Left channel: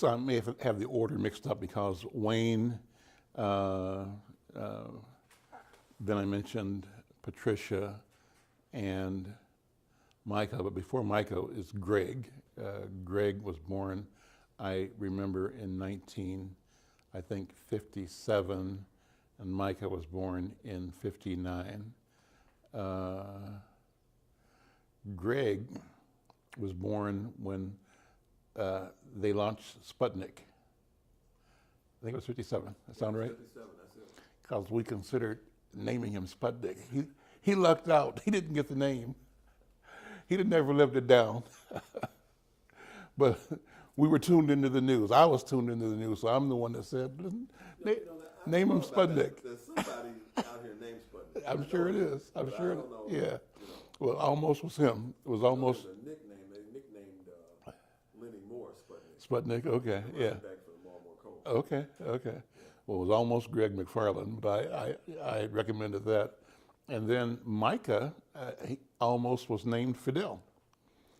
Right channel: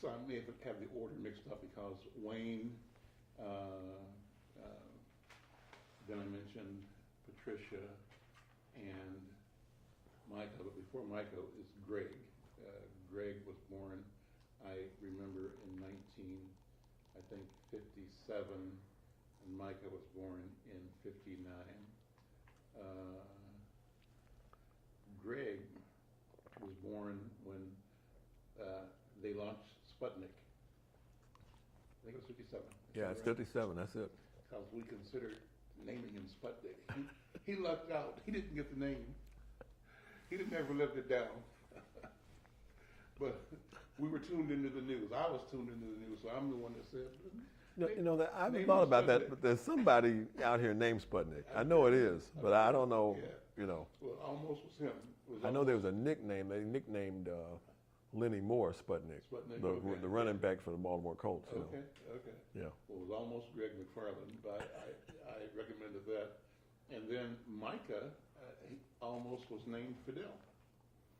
So I may have the order mixed up because Wayne, uh, then I mentioned Patricia and Micah, but before Micah is Greg. Greg was born, I remember, in 57, and Micah was born in 59. Greg was born when they launched Sputnik. I think it was 57. That sound right? 57, that's it. Because we considered naming him Sputnik. He lucked out. He didn't get the name. He never lived it down. But we were tuned into the news. I was tuned into the news, so I'm the one that said, I've name him thought about Sputnik. that, but there's somebody out here named Sputnik. I'm I know sure it is, I'm but sure. I don't know. Yeah. Well, almost was him. It was I know almost there was a nickname. They nicknamed Lenny Moore Sputnik. Sputnik. The Okay. running back for the Baltimore Colts. Okay. Yeah. Well, it was almost Greg McFarlane, but I recommended that. And then Micah, he almost was named Fidel,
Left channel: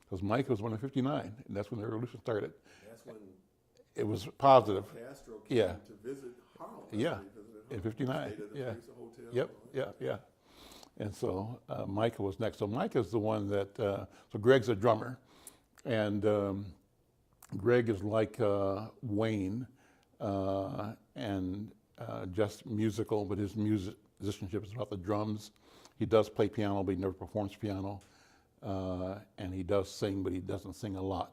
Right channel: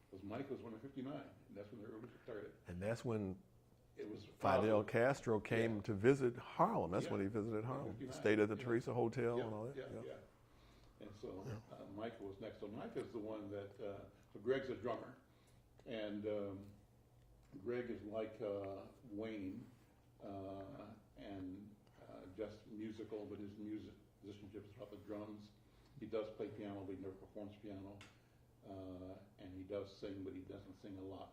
because Micah was born in 59, and that's when the revolution started. And that's when It was positive. Fidel Castro came Yeah. to visit Harlem. That's Yeah. when he visited Harlem. In 59. Stayed at the Yeah. Teresa Hotel Yep. and all that. Yeah. And so Micah was next. So Micah's the one that, so Greg's a drummer. And Greg is like Wayne and just musical, but his musicianship is about the drums. He does play piano, but he never performs piano. And he does sing, but he doesn't sing a lot.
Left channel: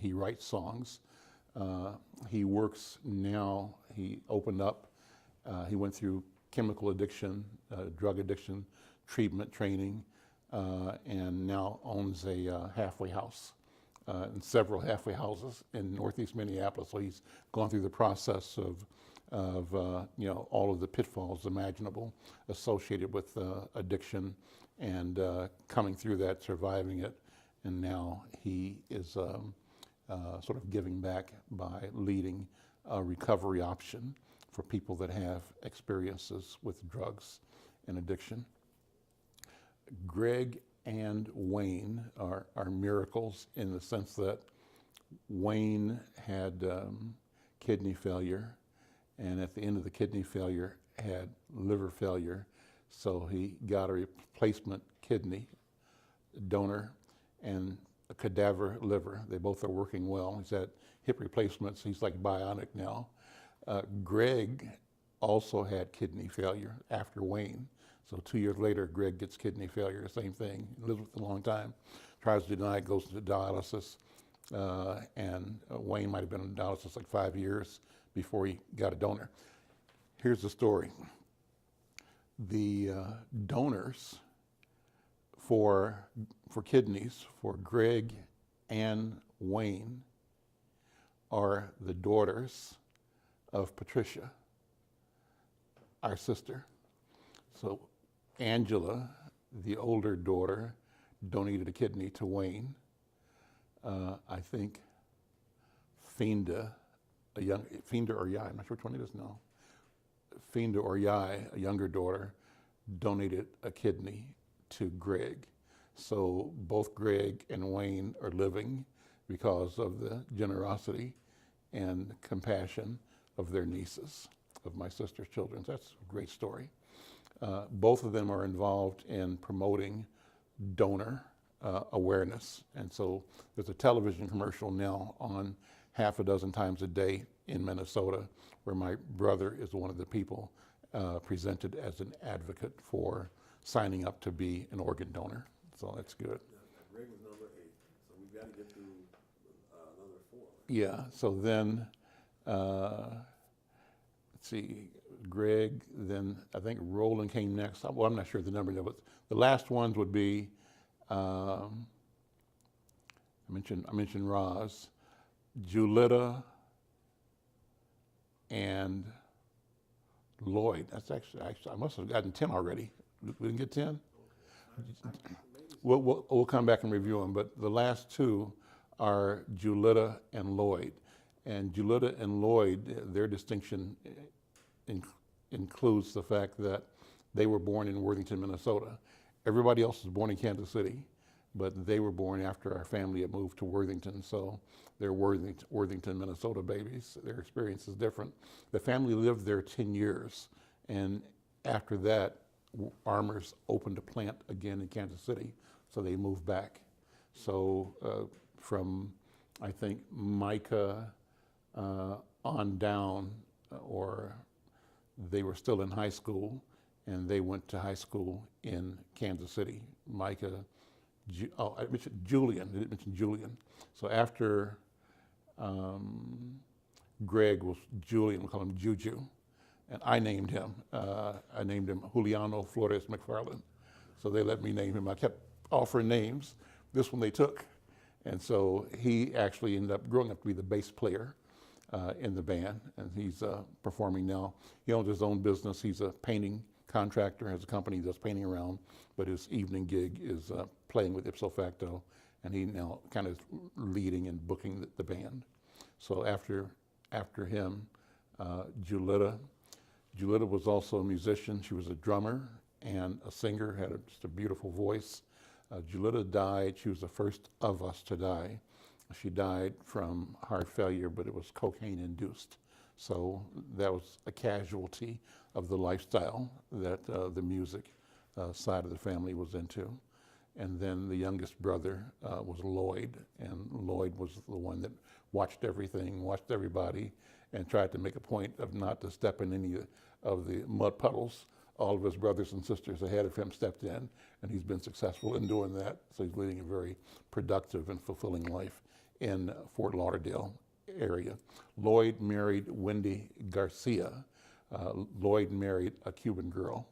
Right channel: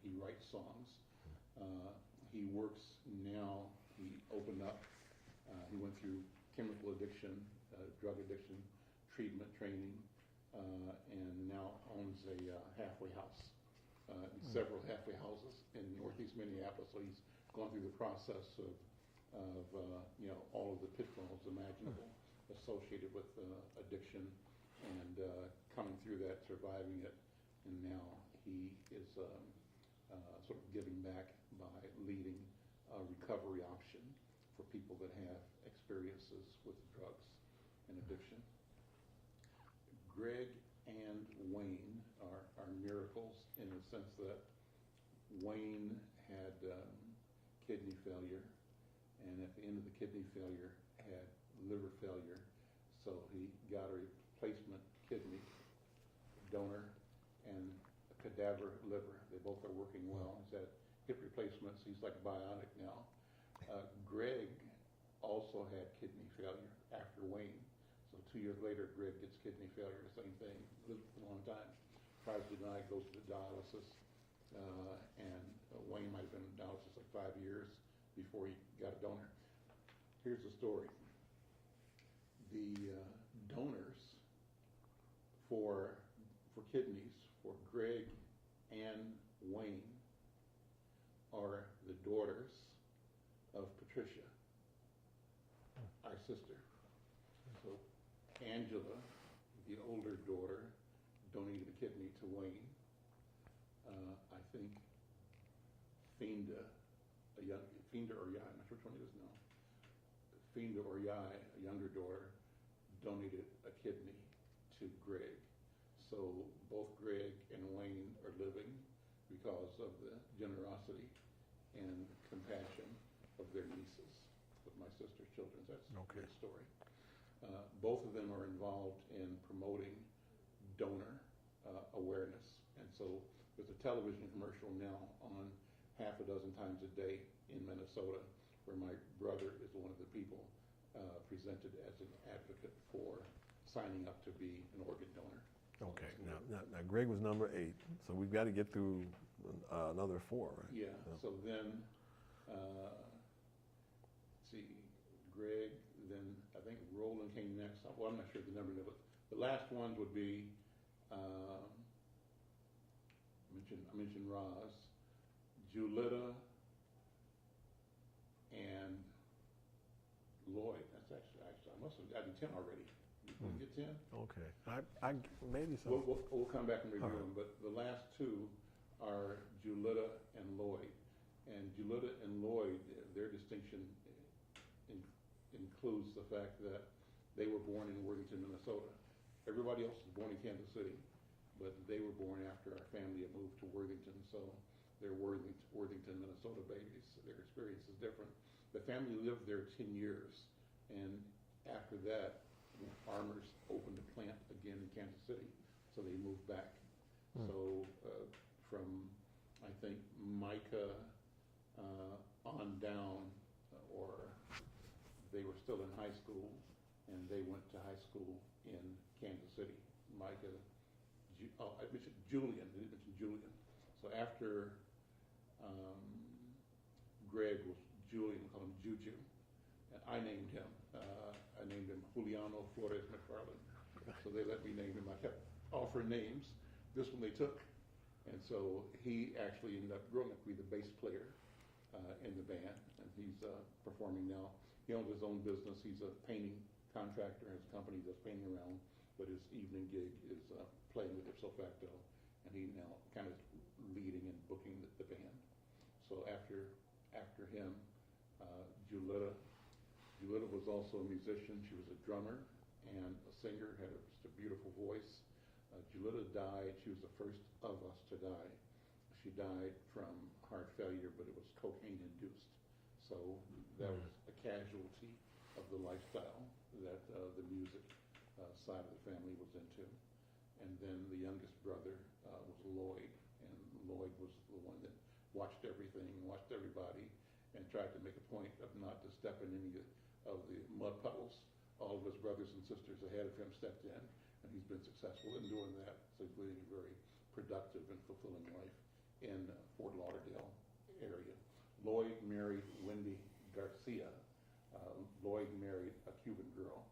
He writes songs. He works now. He opened up. He went through chemical addiction, drug addiction treatment training, and now owns a halfway house and several halfway houses in Northeast Minneapolis. So he's gone through the process of all of the pitfalls imaginable associated with addiction, and coming through that, surviving it, and now he is sort of giving back by leading a recovery option for people that have experiences with drugs and addiction. Greg and Wayne are miracles in the sense that Wayne had kidney failure, and at the end of the kidney failure had liver failure, so he got a replacement kidney donor and a cadaver liver. They both are working well. He's had hip replacements. He's like bionic now. Greg also had kidney failure after Wayne. So 2 years later, Greg gets kidney failure, same thing. Lives with it a long time, tries to deny it, goes into dialysis. And Wayne might have been in dialysis like 5 years before he got a donor. Here's the story. The donors for kidneys for Greg and Wayne are the daughters of Patricia, our sister. So Angela, the older daughter, donated a kidney to Wayne. I think Finda or Yai, I'm not sure which one it is now. Finda or Yai, a younger daughter, donated a kidney to Greg. So both Greg and Wayne are living because of the generosity and compassion of their nieces, of my sister's children. That's a great story. Both of them are involved in promoting donor awareness. And so there's a television commercial now on half a dozen times a day in Minnesota where my brother is one of the people presented as an advocate for signing up to be an organ donor. So okay. That's good. Now, Greg was number 8, so we've got to get through another 4. Right? Yeah, so then, let's see, Greg, then I think Roland came next. Well, I'm not sure the number, but the last ones would be, I mentioned Roz, Julita, and Lloyd. That's actually, I must have gotten 10 already. We didn't get 10? Okay. Maybe so. We'll come back and review them, but the last 2 are Julita and Lloyd. And Julita and Lloyd, their distinction includes the fact that they were born in Worthington, Minnesota. Everybody else was born in Kansas City. but they were born after our family had moved to Worthington, so they're Worthington, Minnesota babies. Their experience is different. The family lived there 10 years, and after that, Armour's opened a plant again in Kansas City, so they moved back. So from, I think, Micah on down, or they were still in high school, and they went to high school in Kansas City. Micah, I mentioned Julian, I didn't mention Julian. So after Greg was Julian, we call him Juju, and I named him. I named him Juliano Flores McFarlane. So they let me name him. I kept offering names. This one they took. And so he actually ended up growing up to be the bass player in the band, and he's performing now. He owns his own business. He's a painting contractor, has a company he does painting around, but his evening gig is playing with Ipso Facto, and he now kind of leading and booking the band. So after him, Juletta was also a musician. She was a drummer and a singer, had just a beautiful voice. Juletta died. She was the first of us to die. She died from heart failure, but it was cocaine induced. So that was a casualty of the lifestyle that the music side of the family was into. And then the youngest brother was Lloyd, and Lloyd was the one that watched everything, watched everybody, and tried to make a point of not to step in any of the mud puddles. All of his brothers and sisters ahead of him stepped in, and he's been successful in doing that. So he's leading a very productive and fulfilling life in Fort Lauderdale area. Lloyd married Wendy Garcia. Lloyd married a Cuban girl,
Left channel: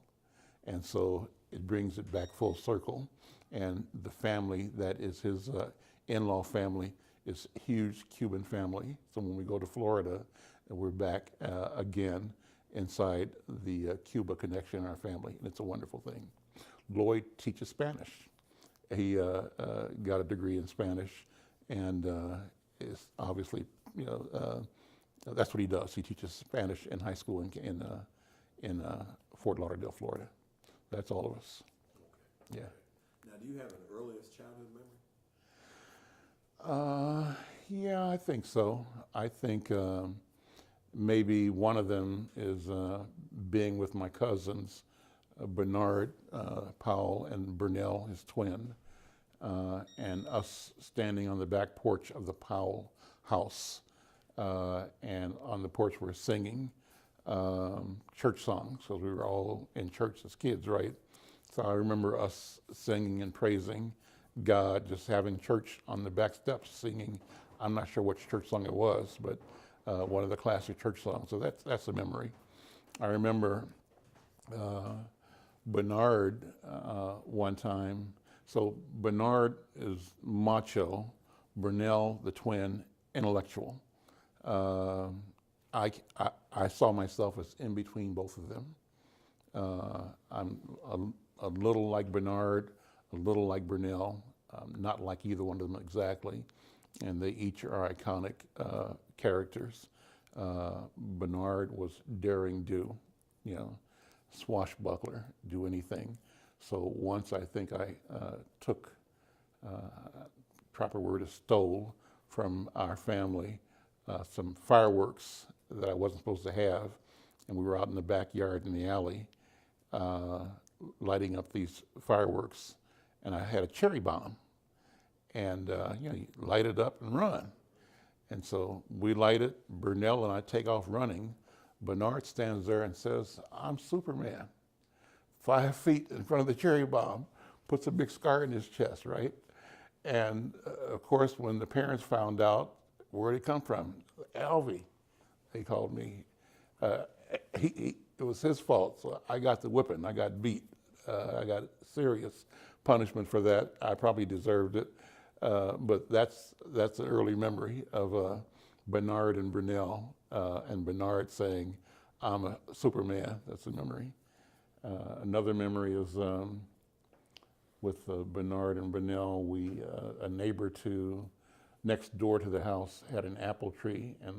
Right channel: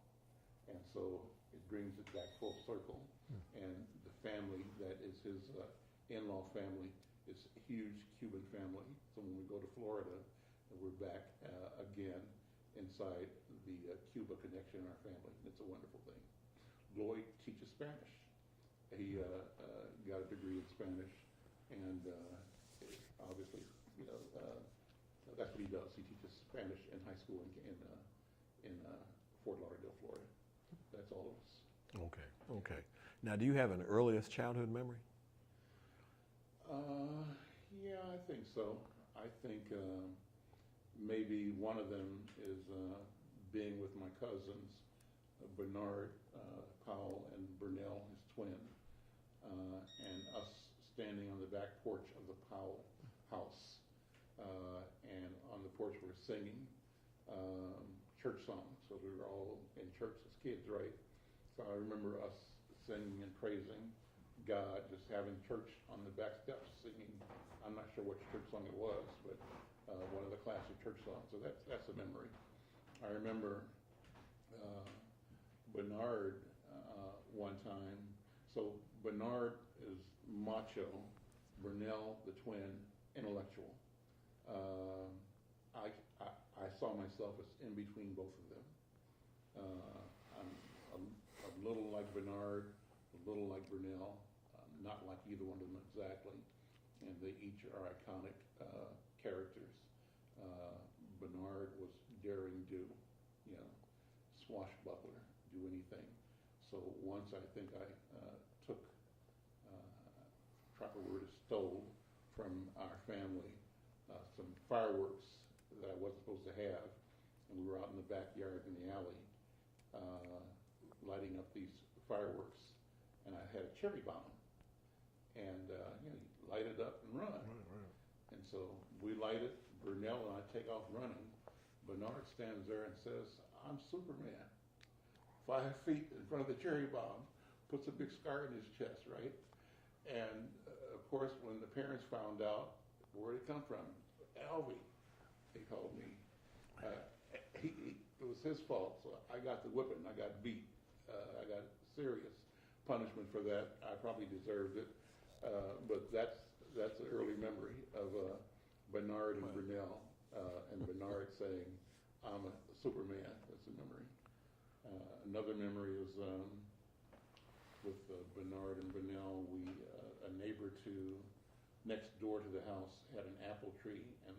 and so it brings it back full circle. And the family that is his in-law family is a huge Cuban family. So when we go to Florida, we're back again inside the Cuba connection in our family, and it's a wonderful thing. Lloyd teaches Spanish. He got a degree in Spanish, and is obviously, that's what he does. He teaches Spanish in high school in Fort Lauderdale, Florida. That's all of us. Okay. Yeah. Okay. Now, do you have an earliest childhood memory? Yeah, I think so. I think maybe one of them is being with my cousins, Bernard Powell and Burnell, his twin, and us standing on the back porch of the Powell house. And on the porch we're singing church songs, because we were all in church as kids, right? So I remember us singing and praising God, just having church on the back steps singing. I'm not sure which church song it was, but one of the classic church songs. So that's a memory. I remember Bernard one time. So Bernard is macho, Burnell, the twin, intellectual. I saw myself as in between both of them. I'm a little like Bernard, a little like Burnell, not like either one of them exactly, and they each are iconic characters. Bernard was daring do, swashbuckler, do anything. So once I think I took, proper word is stole, from our family some fireworks that I wasn't supposed to have, and we were out in the backyard in the alley lighting up these fireworks, and I had a cherry bomb, and you light it up and run. And so we light it, Burnell and I take off running. Bernard stands there and says, "I'm Superman." 5 feet in front of the cherry bomb, puts a big scar in his chest, right? And of course, when the parents found out, where did it come from? Alvy, they called me. It was his fault, so I got the whipping, I got beat. I got serious punishment for that. I probably deserved it, but that's an early memory of Bernard and Burnell, and Bernard saying, "I'm a Superman." That's a memory. Another memory is with Bernard and Burnell. A neighbor next door to the house had an apple tree, and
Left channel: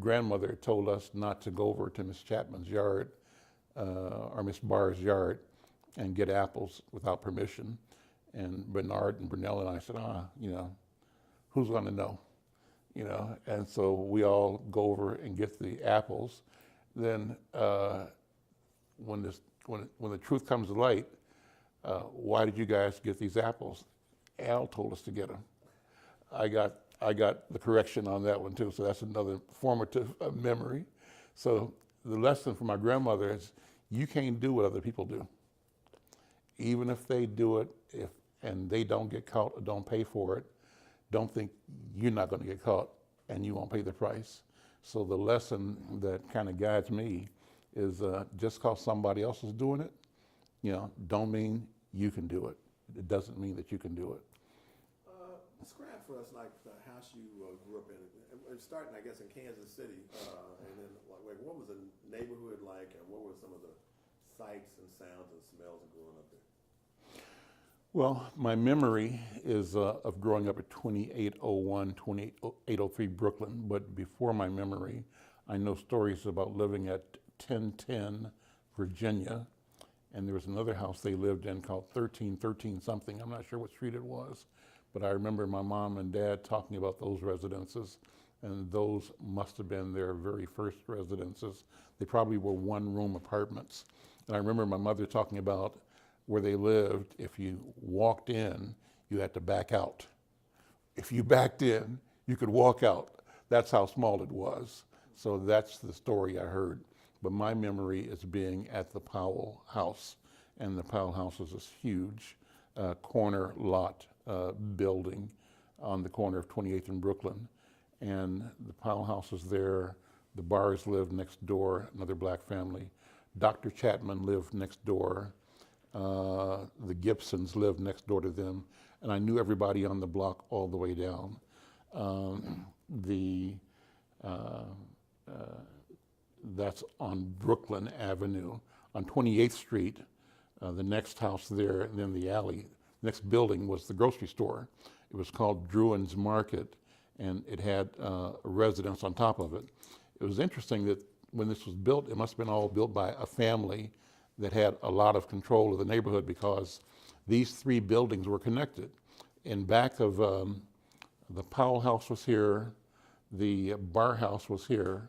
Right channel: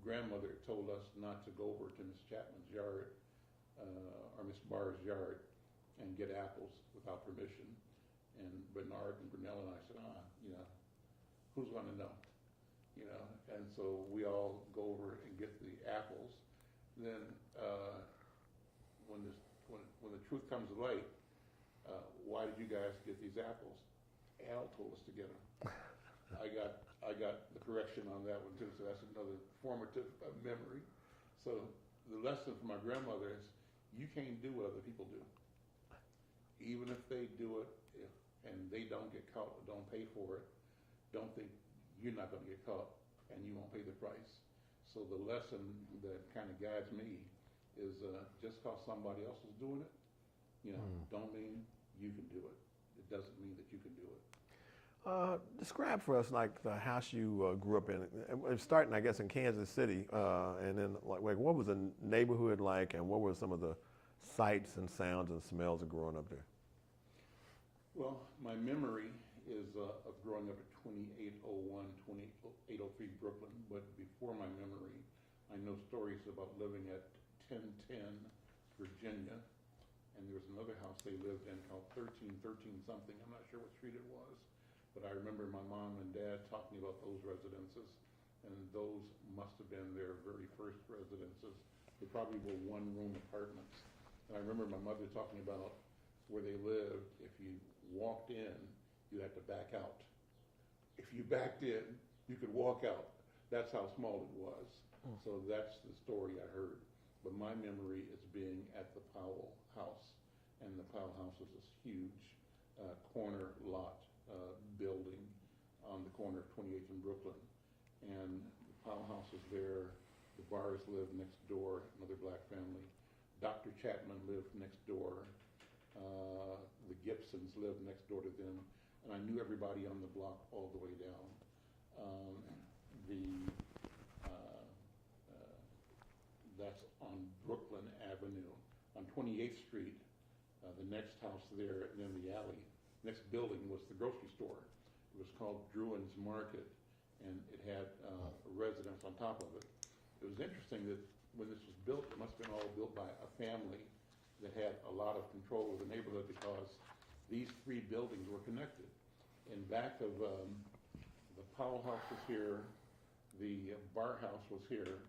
grandmother told us not to go over to Miss Chapman's yard or Miss Barr's yard and get apples without permission. And Bernard and Brunel and I said, who's going to know? And so we all go over and get the apples. Then when the truth comes to light, why did you guys get these apples? Al told us to get them. I got the correction on that one too, so that's another formative memory. So the lesson from my grandmother is you can't do what other people do. Even if they do it, and they don't get caught or don't pay for it, don't think you're not going to get caught and you won't pay the price. So the lesson that kind of guides me is just because somebody else is doing it, don't mean you can do it. It doesn't mean that you can do it. Describe for us like the house you grew up in, starting I guess in Kansas City, and then like what was the neighborhood like, and what were some of the sights and sounds and smells of growing up there? Well, my memory is of growing up at 2801, 2803 Brooklyn, but before my memory, I know stories about living at 1010 Virginia, and there was another house they lived in called 1313 something. I'm not sure what street it was, but I remember my mom and dad talking about those residences, and those must have been their very first residences. They probably were one-room apartments. And I remember my mother talking about where they lived, if you walked in, you had to back out. If you backed in, you could walk out. That's how small it was. So that's the story I heard. But my memory is being at the Powell House. And the Powell House is this huge corner lot building on the corner of 28th and Brooklyn. And the Powell House is there. The Bars lived next door, another black family. Dr. Chapman lived next door. The Gibsons lived next door to them, and I knew everybody on the block all the way down. That's on Brooklyn Avenue. On 28th Street, the next house there, and then the alley, next building was the grocery store. It was called Druin's Market, and it had a residence on top of it. It was interesting that when this was built, it must have been all built by a family that had a lot of control of the neighborhood, because these three buildings were connected. In back of the Powell House was here, the Bar House was here,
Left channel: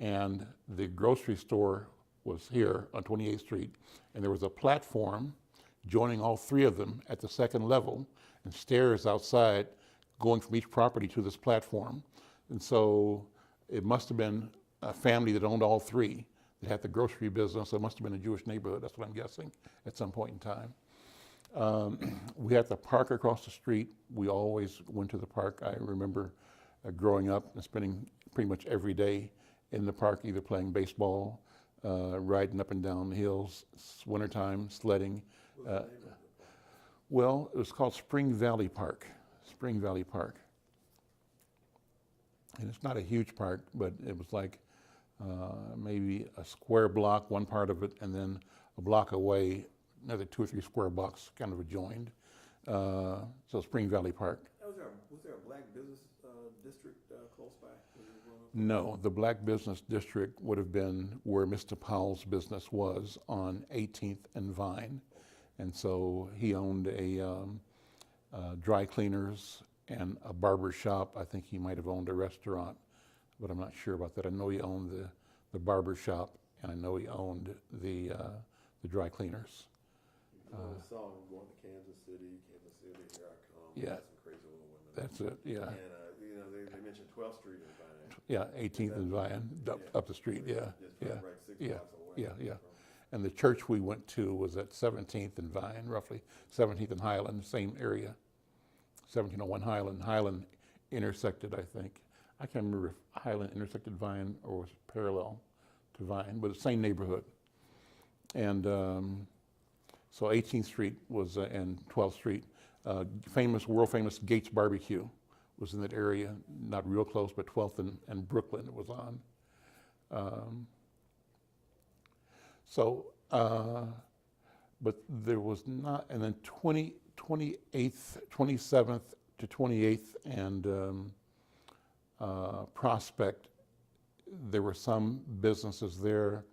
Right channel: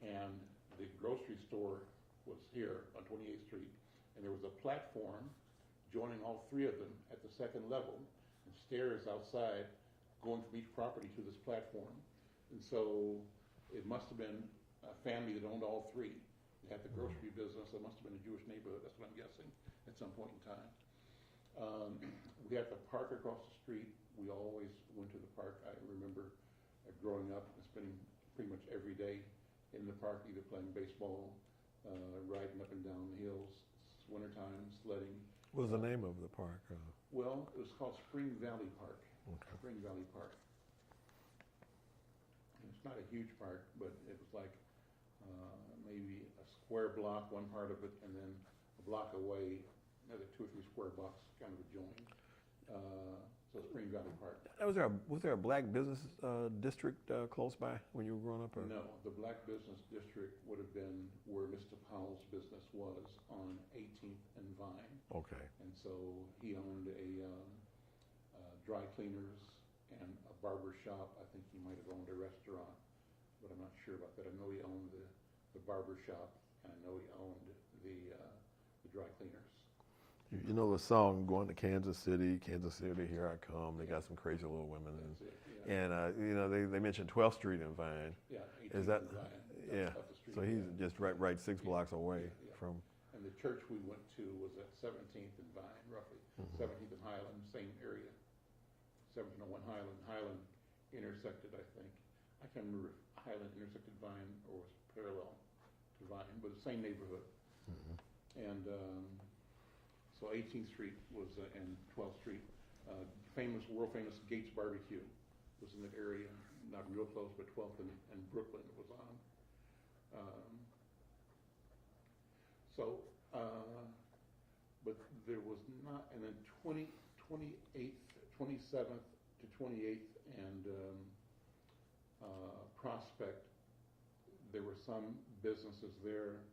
and the grocery store was here on 28th Street. And there was a platform joining all three of them at the second level, and stairs outside going from each property to this platform. And so it must have been a family that owned all three that had the grocery business. It must have been a Jewish neighborhood, that's what I'm guessing, at some point in time. We had the park across the street. We always went to the park. I remember growing up and spending pretty much every day in the park, either playing baseball, riding up and down the hills, wintertime, sledding. What was the name of the park? Well, it was called Spring Valley Park. Okay. Spring Valley Park. And it's not a huge park, but it was like maybe a square block, one part of it, and then a block away, another 2 or 3 square blocks kind of adjoined. So Spring Valley Park. Was there a black business district close by when you were growing up? No, the black business district would have been where Mr. Powell's business was on 18th and Vine. Okay. And so he owned a dry cleaners and a barber shop. I think he might have owned a restaurant, but I'm not sure about that. I know he owned the barber shop, and I know he owned the dry cleaners. You know the song, "Going to Kansas City, Kansas City, here I come." They got some crazy little women. That's it, yeah. And they mentioned 12th Street and Vine. Yeah, 18th and Vine, up the street. So he was just right 6 blocks away. From. And the church we went to was at 17th and Vine, roughly 17th and Highland, same area. 1701 Highland. Highland intersected, I think. I can't remember if Highland intersected Vine or was parallel to Vine, but the same neighborhood. And so 18th Street was and 12th Street, world famous Gates Barbecue was in that area, not real close, but 12th and Brooklyn it was on. But there was not, and then 28th, 27th to 28th and Prospect, there were some businesses there,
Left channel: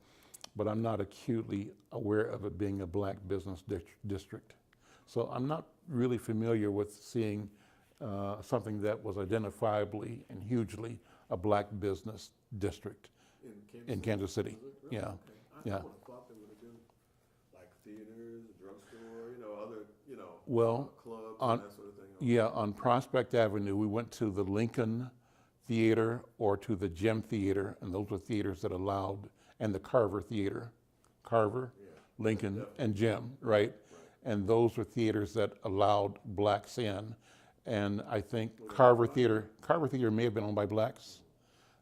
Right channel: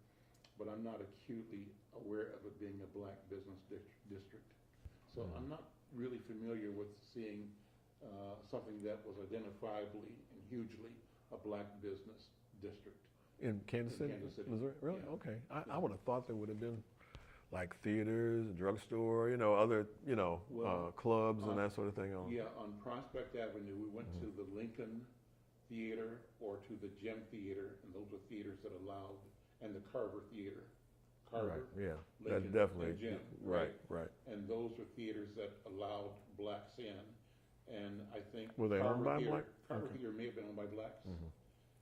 but I'm not acutely aware of it being a black business district. So I'm not really familiar with seeing something that was identifiably and hugely a black business district In Kansas in City? Kansas City. Was it really? Yeah. Okay. I Yeah. would have thought there would have been like theaters, drugstore, other, Well, clubs on- and that sort of thing. Yeah, on Prospect Avenue, we went to the Lincoln Theater or to the Gem Theater, and those were theaters that allowed, and the Carver Theater, Carver, Yeah. Lincoln, definitely. and Gem, right? Right. And those were theaters that allowed blacks in. And I think Were they Carver owned by Theater, black? Carver Theater may have been owned by blacks.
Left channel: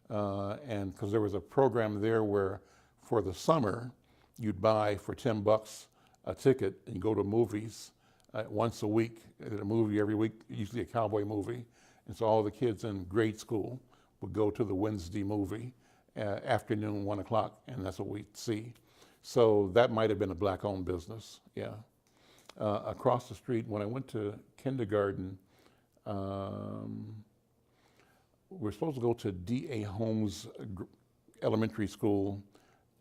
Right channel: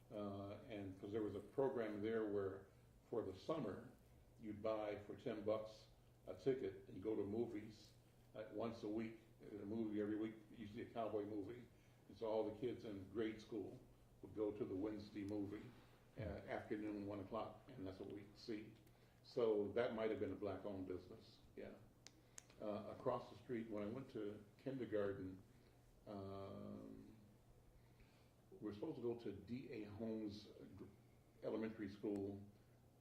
And because there was a program there where for the summer, you'd buy for $10 a ticket and go to movies once a week. They did a movie every week, usually a cowboy movie. And so all the kids in grade school would go to the Wednesday movie, afternoon, 1 o'clock, and that's what we'd see. So that might have been a black-owned business, yeah. Across the street, when I went to kindergarten, we're supposed to go to D.A. Holmes Elementary School,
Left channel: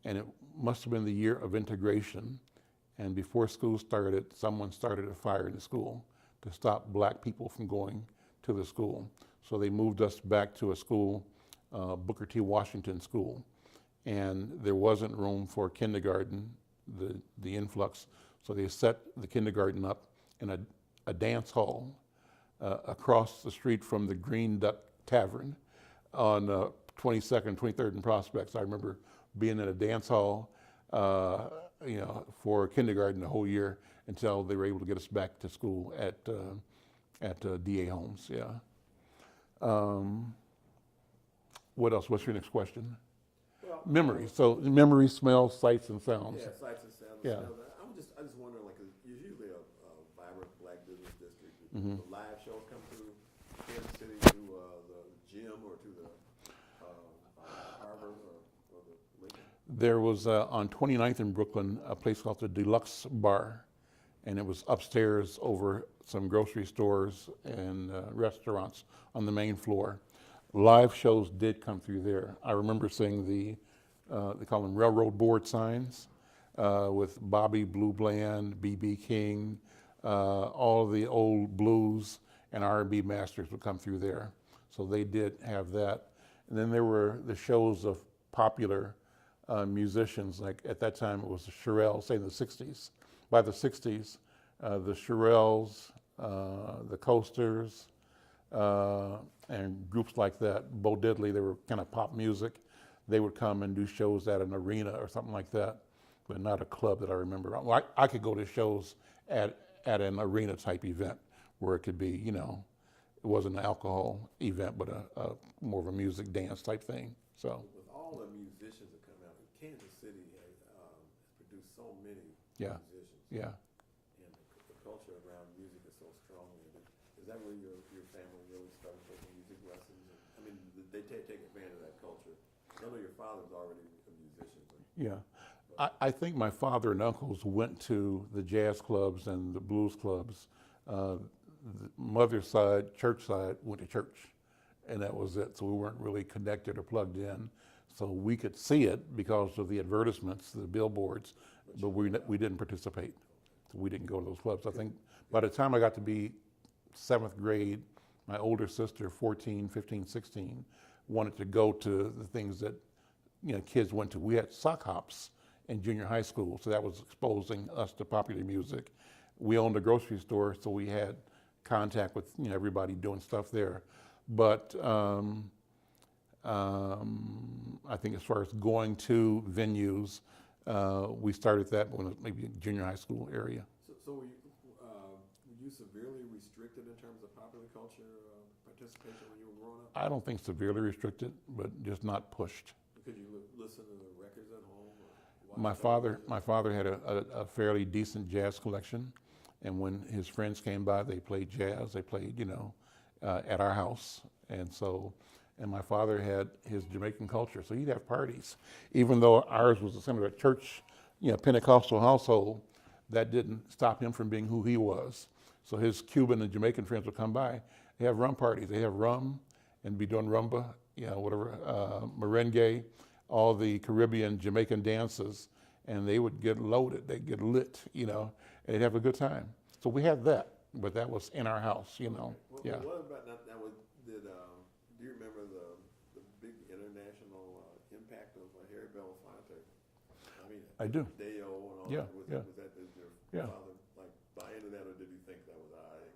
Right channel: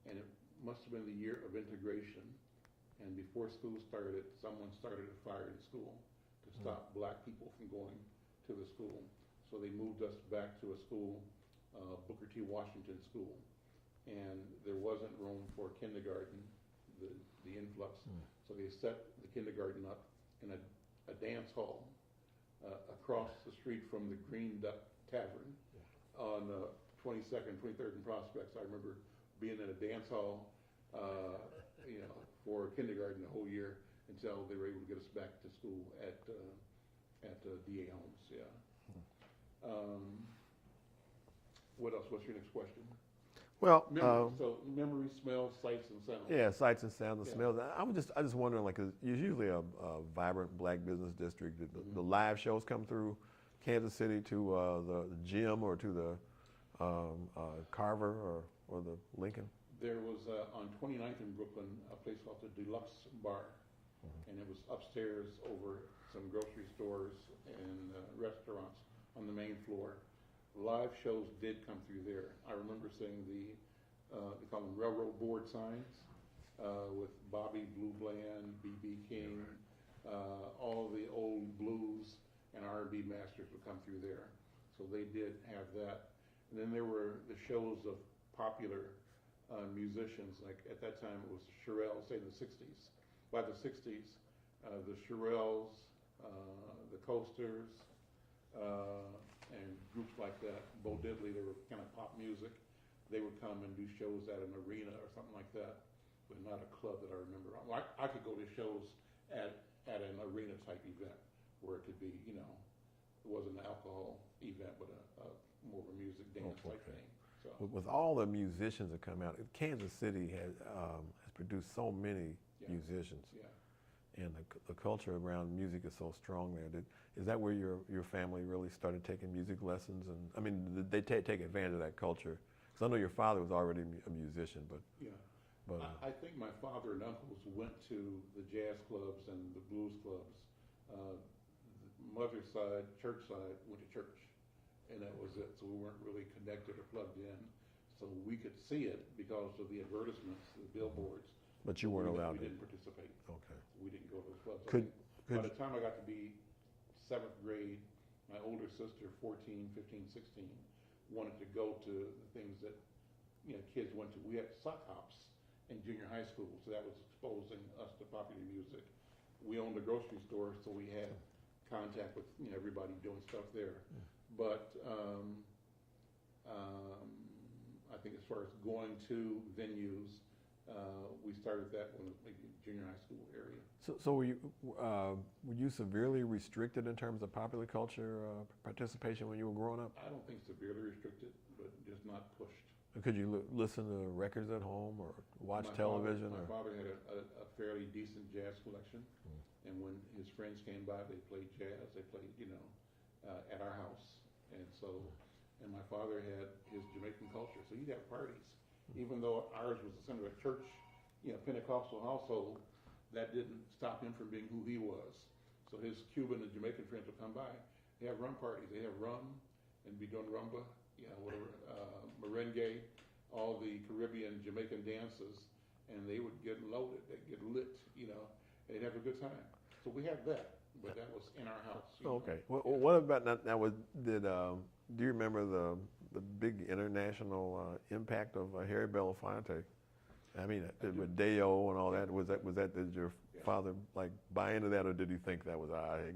and it must have been the year of integration. And before school started, someone started a fire in the school to stop black people from going to the school. So they moved us back to a school, Booker T. Washington School. And there wasn't room for kindergarten, the influx. So they set the kindergarten up in a dance hall across the street from the Green Duck Tavern on 22nd, 23rd and Prospects. I remember being in a dance hall, for kindergarten the whole year until they were able to get us back to school at D.A. Holmes, yeah. What else? What's your next question? Well, Memory. So memory, smells, sights, and sounds. yeah, sights and sounds and Yeah. smells. I just wondering, like, 'cause it's usually a vibrant black business district. Mm-hmm. The live shows come through Kansas City to the gym or to the Carver or the Lincoln. There was on 29th in Brooklyn a place called the Deluxe Bar, and it was upstairs over some grocery stores and restaurants on the main floor. Live shows did come through there. I remember seeing they call them railroad board signs with Bobby Blue Bland, B.B. King, all the old blues and R&B masters would come through there. So they did have that. And then there were the shows of popular musicians, like at that time it was the Shirelles, say in the 60s. By the 60s, the Shirelles, the Coasters, and groups like that, Bo Diddley, they were kind of pop music. They would come and do shows at an arena or something like that, but not a club that I remember. Well, I could go to shows at an arena type event where it could be, it wasn't an alcohol event, but a more of a music dance type thing. So With all the musicians that come out, Kansas City has produced so many Yeah. musicians. yeah. And the culture around music is so strong there. Is that where your family really started taking music lessons? And I mean, did they take advantage of that culture? 'Cause I know your father was already a musician, but Yeah. But- I think my father and uncles went to the jazz clubs and the blues clubs. The mother's side, church side, went to church, and that was it. So we weren't really connected or plugged in. So we could see it because of the advertisements, the billboards, But but you weren't allowed we to. didn't participate. okay. So we didn't go to those clubs. I Could- think by the time I got to be 7th grade, my older sister, 14, 15, 16, wanted to go to the things that kids went to. We had sock hops in junior high school, so that was exposing us to popular music. We owned a grocery store, so we had contact with everybody doing stuff there. But I think as far as going to venues, we started that when it was maybe junior high school area. So were you severely restricted in terms of popular culture participation when you were growing up? I don't think severely restricted, but just not pushed. Could you listen to records at home or watch My television? father had a fairly decent jazz collection, and when his friends came by, they played jazz. They played, at our house, and my father had his Jamaican culture, so he'd have parties. Even though ours was a church, Pentecostal household, that didn't stop him from being who he was. So his Cuban and Jamaican friends would come by. They have rum parties. They have rum and be doing rumba, merengue, all the Caribbean, Jamaican dances, and they would get loaded. They'd get lit, and they'd have a good time. So we had that. but that was in our house, you know. Okay. Well, Yeah. what about now? Do you remember the big international impact of Harry Belafonte? I mean, I do. Deo and all Yeah, that. Was that did your Yeah. father like buy into that, or did he think that was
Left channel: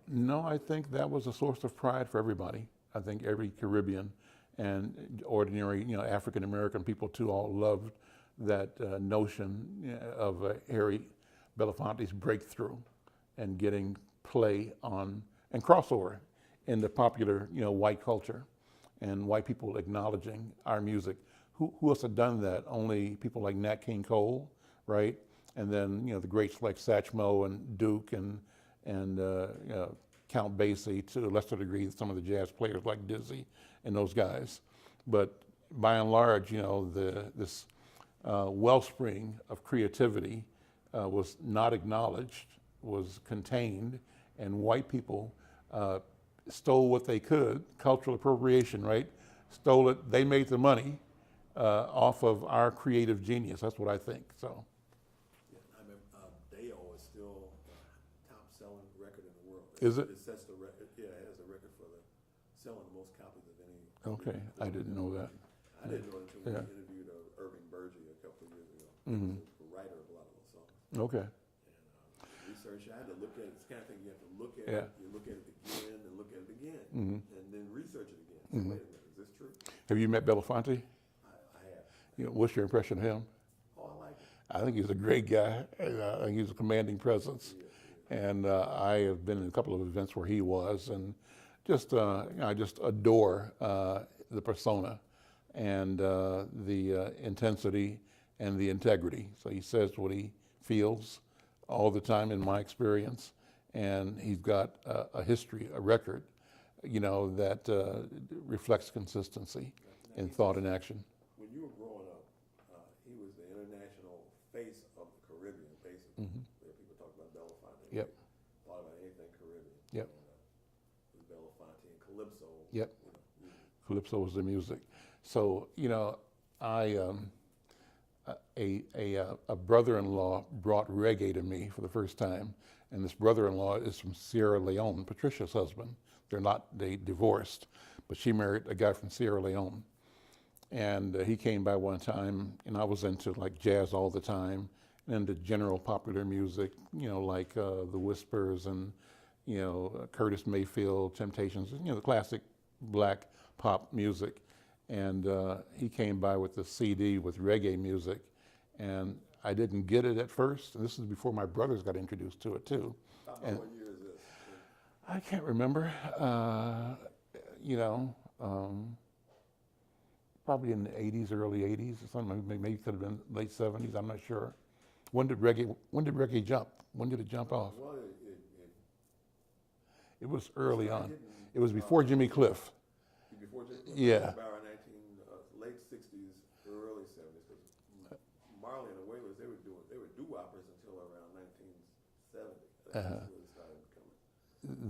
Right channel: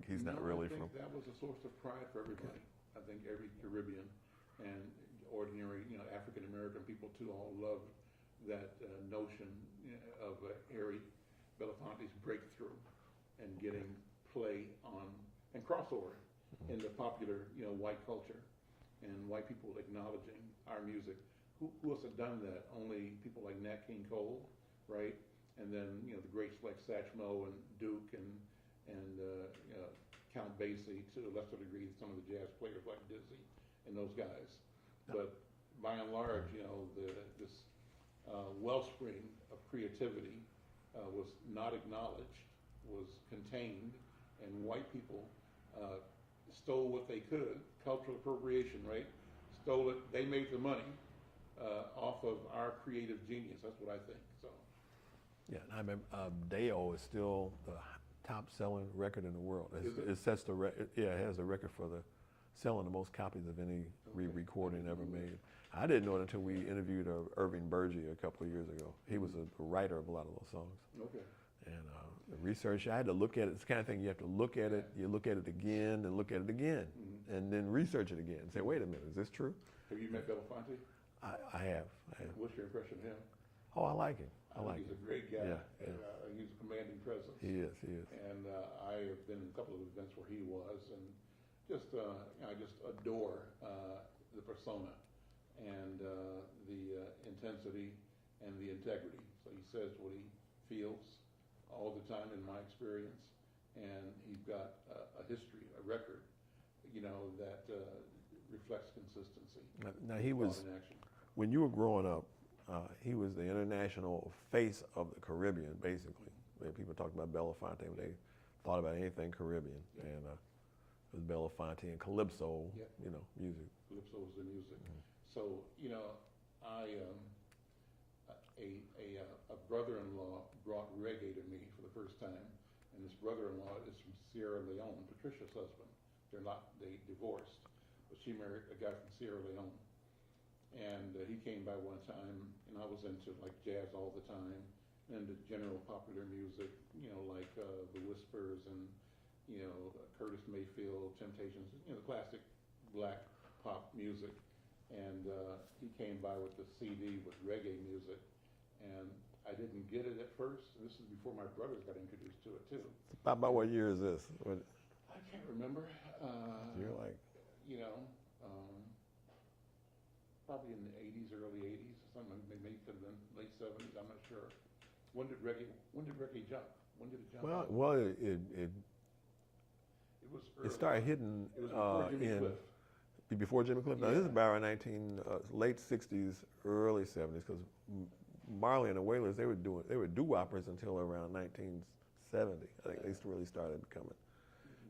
he's No, not really I think that was a source of pride for everybody. I think every Caribbean and ordinary, you know, African American people too, all loved that notion of Harry Belafonte's breakthrough and getting play on and crossover in the popular, you know, white culture, and white people acknowledging our music. Who else had done that? Only people like Nat King Cole, right? And then, you know, the greats like Satchmo and Duke and you know, Count Basie, to a lesser degree some of the jazz players like Dizzy and those guys. But by and large, you know, this wellspring of creativity was not acknowledged, was contained, and white people stole what they could, cultural appropriation, right? Stole it, they made the money off of our creative genius. That's what I think, so. Yeah, I remember Deo is still the top-selling record in the world. Is it? It sets the record. Yeah, it has the record for the selling the most copies of any Okay, I recording didn't ever know made. that. I didn't know it until we Yeah. interviewed Irving Berge a couple of years ago. He was a writer of a lot of those songs. Okay. And the research, I had to look at it. It's the kind of thing you have to look at Yeah. it, you look at it again, and look at it again, and then research it again. Say, wait a minute, is this true? Have you met Belafonte? I have. You know, what's your impression of him? Oh, I like it. I think he's a great guy. And, I think he's a commanding presence. He is. He is. And I have been in a couple of events where he was, and just you know, I just adore the persona and the intensity and the integrity. So he says what he feels all the time, in my experience, and he's got a history, a record, you know, that reflects consistency Now, in thought and action. When you were growing up, he was the international face of the Caribbean, basically. When people talked about Belafonte, when Yep. they thought about anything Caribbean. Yep. And it was Belafonte and Calypso, Yep. you know, music. Calypso was the music. So, you know, a brother-in-law brought reggae to me for the first time, and this brother-in-law is from Sierra Leone, Patricia's husband. They divorced, but she married a guy from Sierra Leone. And he came by one time, and I was into like jazz all the time, and into general popular music, you know, like the Whispers and, you know, Curtis Mayfield, Temptations, you know, the classic black pop music. And he came by with the CD with reggae music, and I didn't get it at first. And this is before my brothers got introduced to it too. About what year is this? I can't remember. You know, probably in the 80s, early 80s, or something. Maybe it could have been late 70s. I'm not sure. When did reggae jump? When did it jump off? Well, It was early started on. hitting, It was before Jimmy Cliff. Before Jimmy Cliff? Yeah. It was about late 60s, early 70s, because Marley and the Wailers, they were doo-woppers until around 1970. I think they really started coming.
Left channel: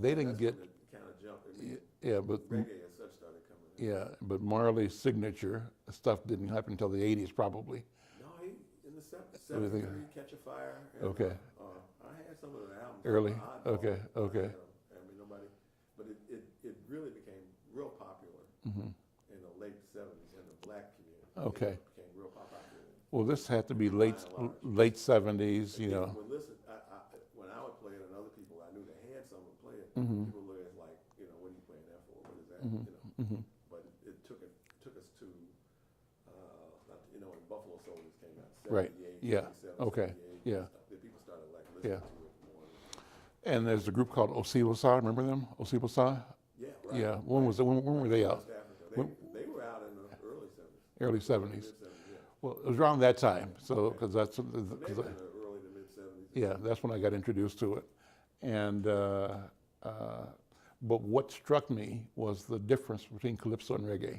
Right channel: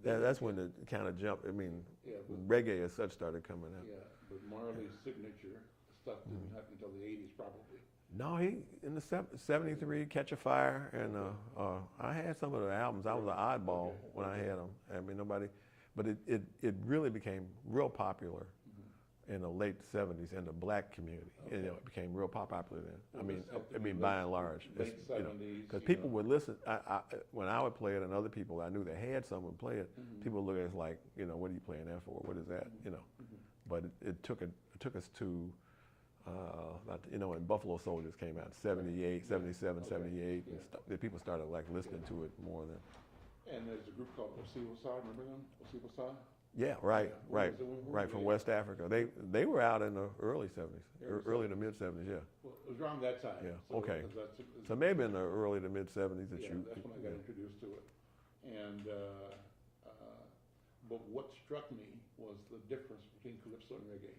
That's when it kind of jumped. I mean, yeah, but reggae as such started coming in. Yeah, but Marley's signature stuff didn't happen until the 80s, probably. No, he in the 73, Catch a Fire, and Okay. I had some of the albums Early. out of Oddball. Okay, when okay. I had them. I mean, but it really became real popular in the late 70s in the black community. Okay. And it became real popular then. Well, this had to I be mean, by and large. late 70s, you People know. would listen. When I would play it, and other people I knew that had some would play it. People look at it like, you know, what are you playing that for? What is that? You know. But it took us to, you know, when Buffalo Soldiers came out, 78, Yeah. 77, Okay. 78. Yeah. The people started like listening to it more than. And there's a group called Osibosa. Remember them? Osibosa? Yeah, right. Yeah. When right, were right, they from out? West Africa. They were out in the early 70s. Early to 70s. mid 70s. Yeah. Well, it was around that time. Yeah, So, okay. because that's So maybe in the early to mid 70s. yeah, that's when I got introduced to it. And but what struck me was the difference between calypso and reggae.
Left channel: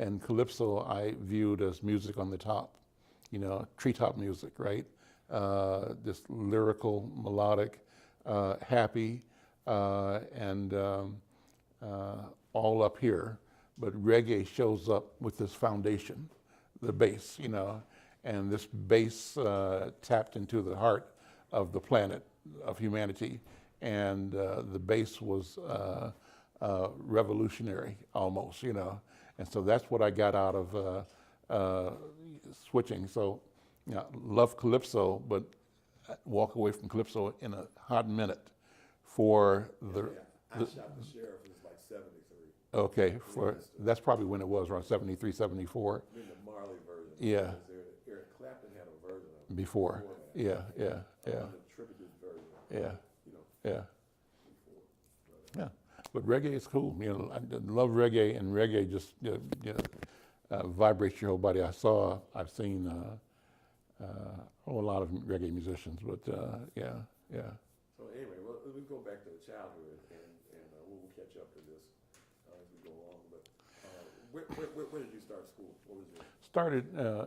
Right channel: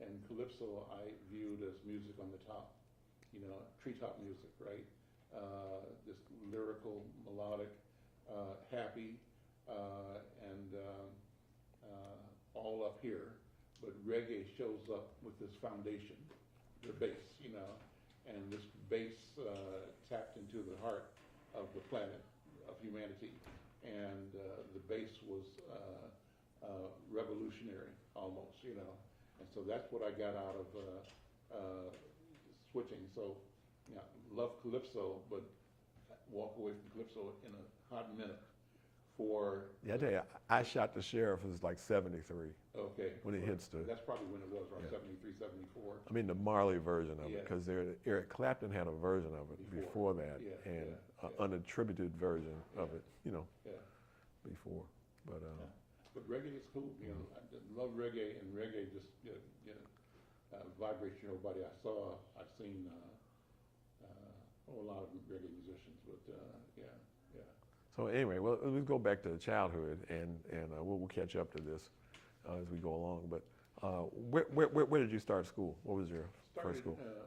And calypso I viewed as music on the top, you know, treetop music, right? This lyrical, melodic, happy, and all up here. But reggae shows up with this foundation, the bass, you know, and this bass tapped into the heart of the planet, of humanity, and the bass was revolutionary almost, you know. And so that's what I got out of switching. So, you know, love calypso, but walk away from calypso in a hot minute for I shot the sheriff. It was like 73. Okay, for that's probably when it was, around 73, 74. I mean the Marley version of it, because Eric Clapton had a version of it before that. An unattributed version of it, you know, before. But but reggae is cool. You know, I love reggae, and reggae just vibrates your whole body. I've seen a lot of reggae musicians, but yeah. So anyway, well, let's go back to childhood, and we'll catch up to this as we go along. But where did you start school? What was your started school?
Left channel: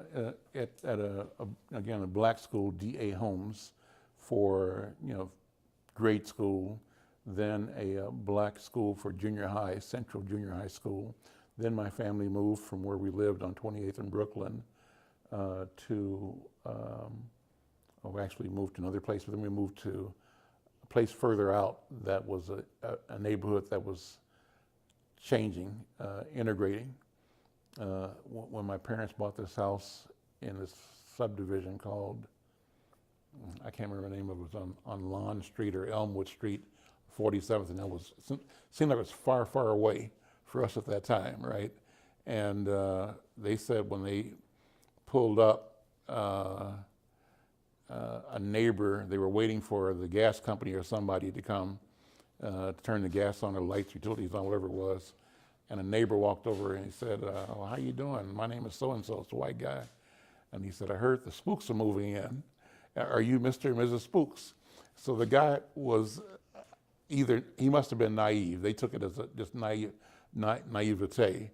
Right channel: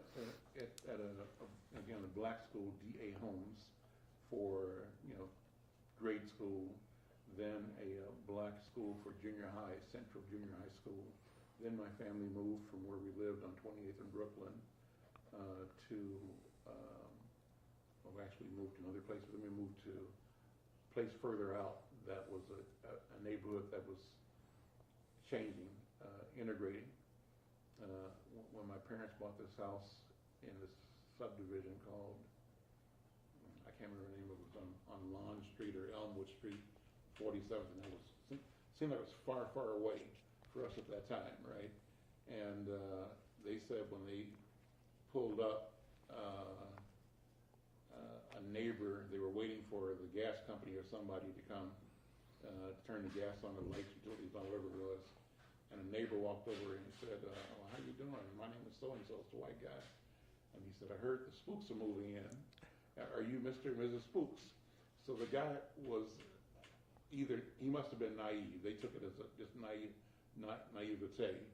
at a black school, D.A. Holmes, for grade school. Then a black school for junior high, Central Junior High School. Then my family moved from where we lived on 28th in Brooklyn to, we actually moved to another place, but then we moved to a place further out that was a neighborhood that was changing, integrating. When my parents bought this house in this subdivision called, I can't remember the name of it, was on Lawn Street or Elmwood Street, 47th, and seemed like it was far, far away for us at that time, right? And they said when they pulled up, a neighbor, they were waiting for the gas company or somebody to come to turn the gas on or lights, utilities on, whatever it was. And a neighbor walked over and he said, well, how you doing? My name is so-and-so, it's a white guy. And he said, I heard the Spooks are moving in. Are you Mr. and Mrs. Spooks? So the guy was he must have been naive. They took it as just naivete.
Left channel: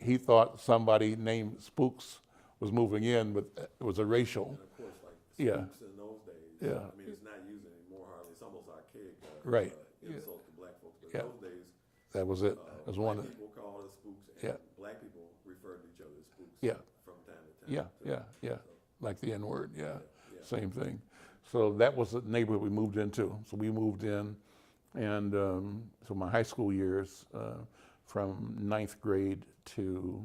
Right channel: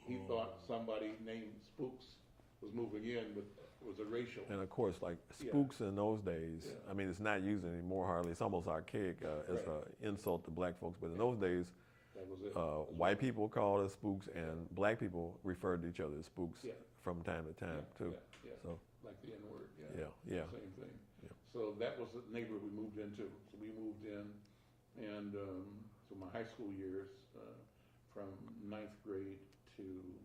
He thought somebody named Spooks was moving in, but it was a racial. And of course, like spooks in those days, I mean, it's not used anymore hardly. It's almost archaic. It's an insult to black folks, but in those days, that was it. White people called us spooks, and black people referred to each other as spooks from time to time. So, like the N-word, same thing. So that was the neighborhood we moved into. So we moved in, and so my high school years, from 9th grade to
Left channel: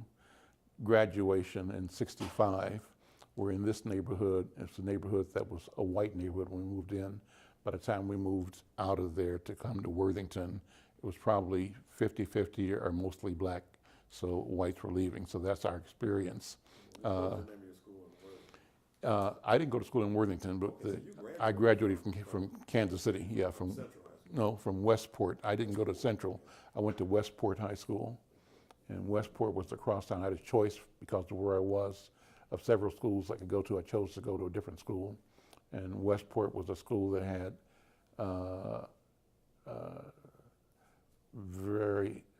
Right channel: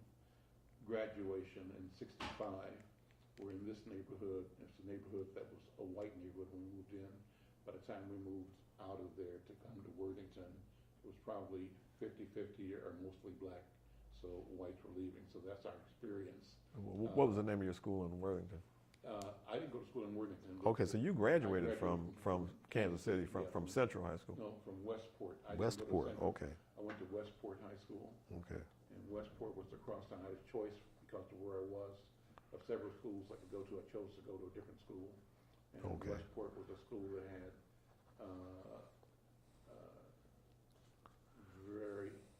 graduation in '65, were in this neighborhood. It's a neighborhood that was a white neighborhood when we moved in. By the time we moved out of there to come to Worthington, it was probably 50-50 or mostly black, so whites were leaving. So that's our experience. What was the name of your school in Worthington? I didn't go to school in Worthington, but so you graduated. I graduated from Kansas City. From Central High School. No, from Westport. I didn't go to Central. Okay. I went to Westport High School. Okay. And Westport was across town. I had a choice because of where I was of several schools I could go to. I chose to go to a different school, and Westport was a school that had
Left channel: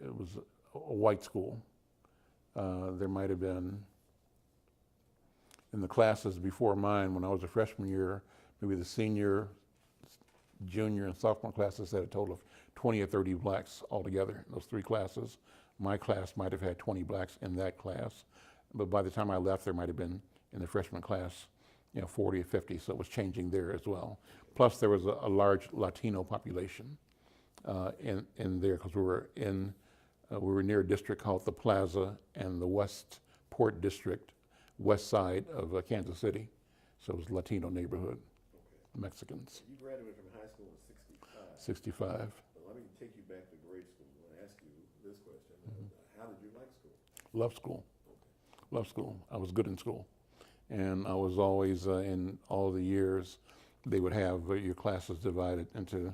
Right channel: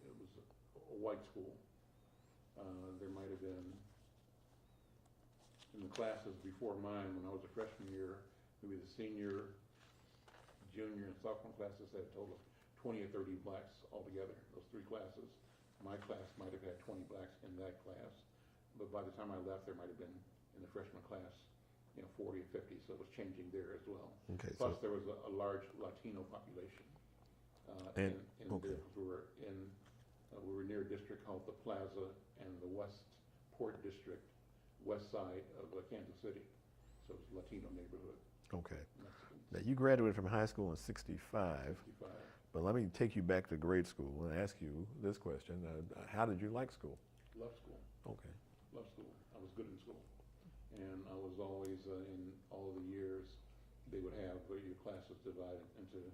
it was a white school. There might have been, in the classes before mine, when I was a freshman year, maybe the senior, junior, and sophomore classes had a total of 20 or 30 blacks altogether, those three classes. My class might have had 20 blacks in that class, but by the time I left, there might have been, in the freshman class, 40 or 50, so it was changing there as well. Okay, plus, there was a large Latino population in there, because we were near a district called the Plaza and the Westport district, west side of Kansas City, so it was a Latino neighborhood. Okay. Mexicans. Now, you graduated from high school in '65. '65. But let me take you back to grade school and ask you this question. How did you like school? Love school. Okay. Love school. I was good in school. And I was always, in all the years, they would have your classes divided into,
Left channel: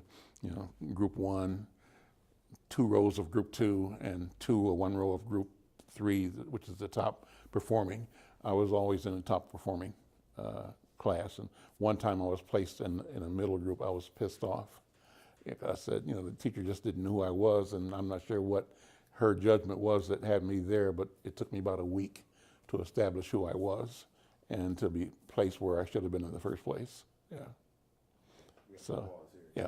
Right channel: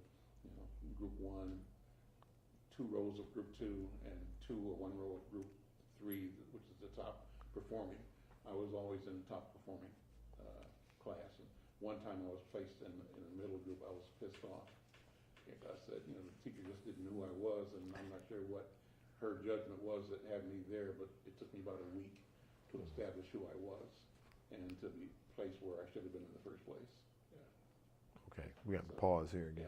group 1, 2 rows of group 2, and 1 row of group 3, which is the top performing. I was always in the top performing class. And one time I was placed in a middle group. I was pissed off. I said, the teacher just didn't know who I was, and I'm not sure what her judgment was that had me there, but it took me about a week to establish who I was and to be placed where I should have been in the first place. Yeah. Okay, we have to pause here. Yeah.